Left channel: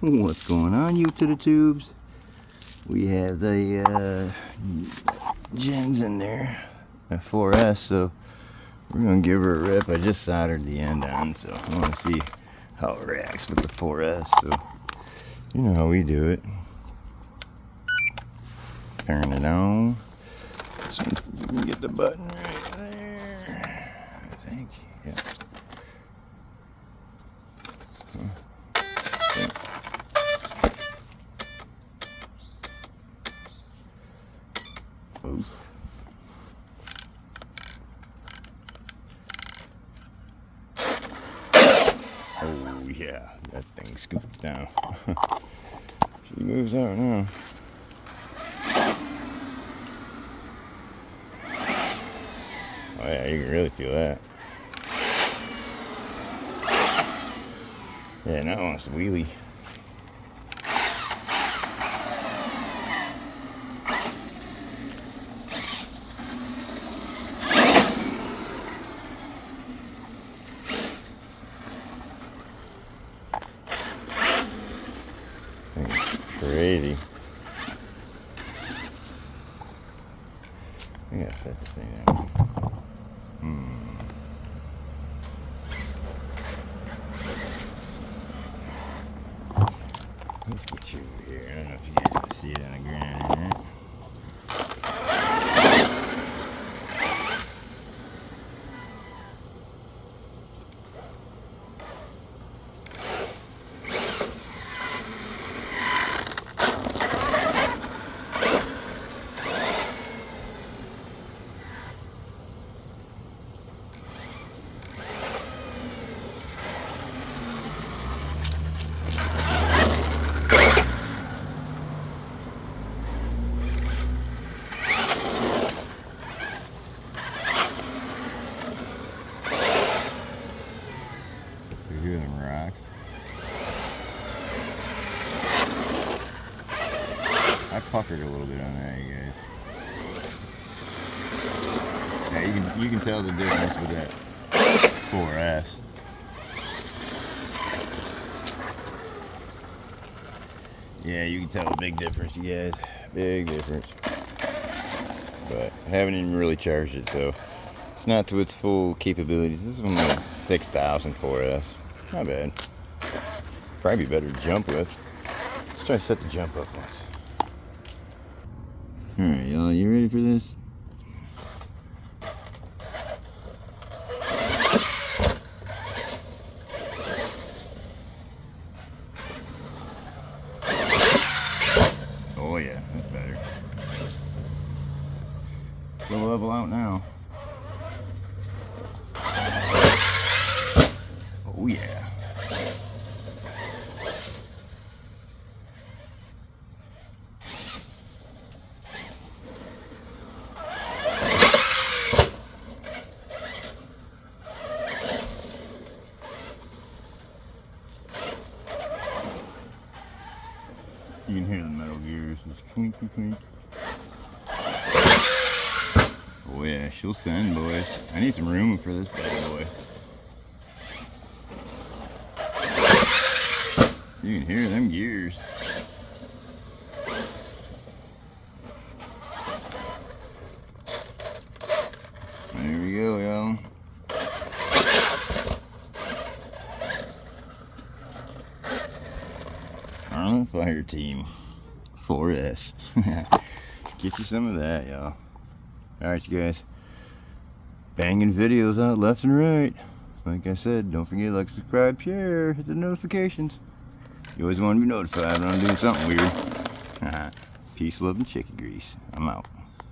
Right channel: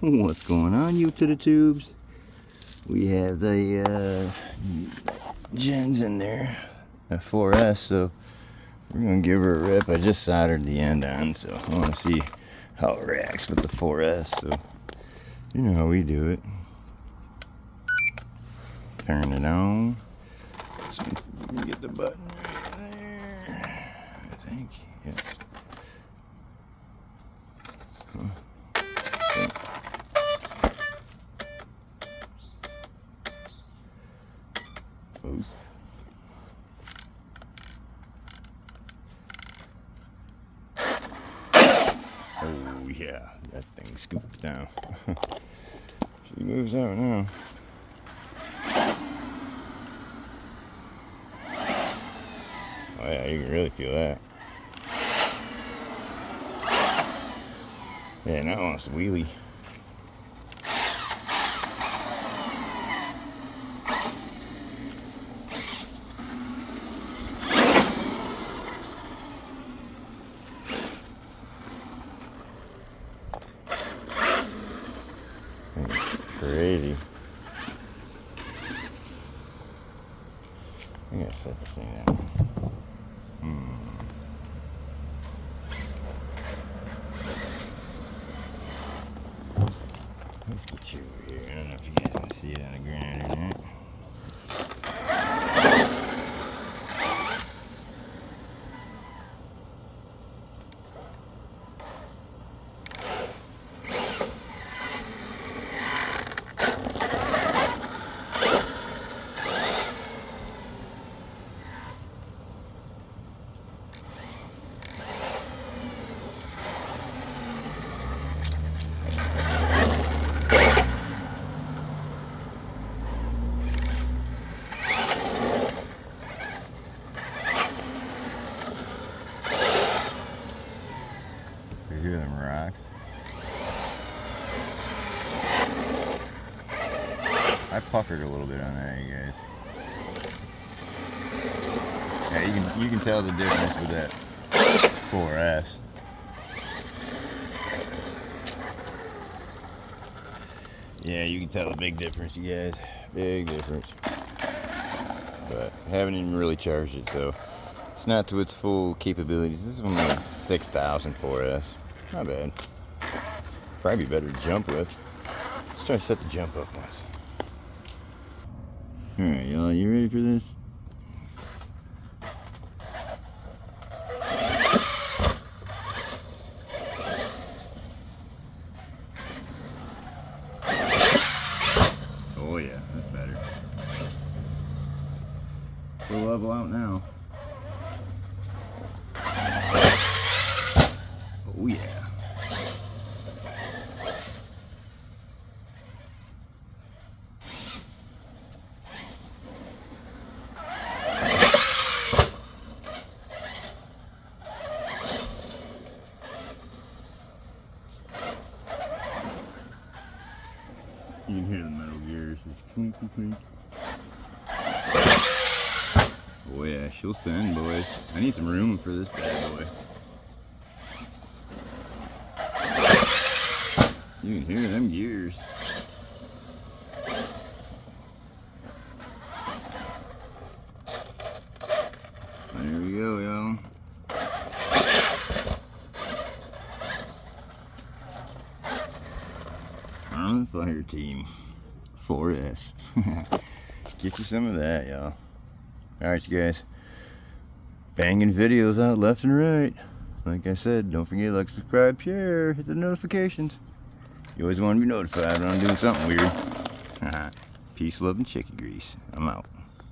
What's going on, you to the tubes? We have the gens in there, a 4S, so we're gonna give her a rip. I just soldered the end on, so I want to see how it reacts with the 4S. So you know how we do it. Turn it on. So you can get the button right there, I think. Yeah. Oof. Oh yeah, that thing scoops down. She moves out now. Oh yeah, you can really feel that. Yeah, now it wants to wheelie. Crazy. I gotta set this thing down. Let's get you over here. I don't know if you guys want to see it on the ground or not. You hear them rocks? I puckered a little bit on that, you guys. Yeah, you can tell the difference with that 4S. Yeah, you can tell a big difference, you guys. Big difference. But I haven't even really charged it, so it's not to its full capabilities. This is only a 6,000 4S. Not bad. Probably better to jump with. Let's try to set the jump up once. Alright, y'all, you ready for this? Oh yeah, that's better. We'll level out now. Oh yeah. You can hear the metal gears, just clinky clink. Oh yeah, she'll send, boys. I need some room for this bad boy. You can hear them gears. There we go, y'all. Arm Fire Team 4S. Get you some of that, y'all. Alright, you guys. Banging videos out left and right. Like I said, don't forget to like, subscribe, share, hit the notifications. You always want to be notified when I'm doing something weird. Peace, love, and chicken grease. I'm out.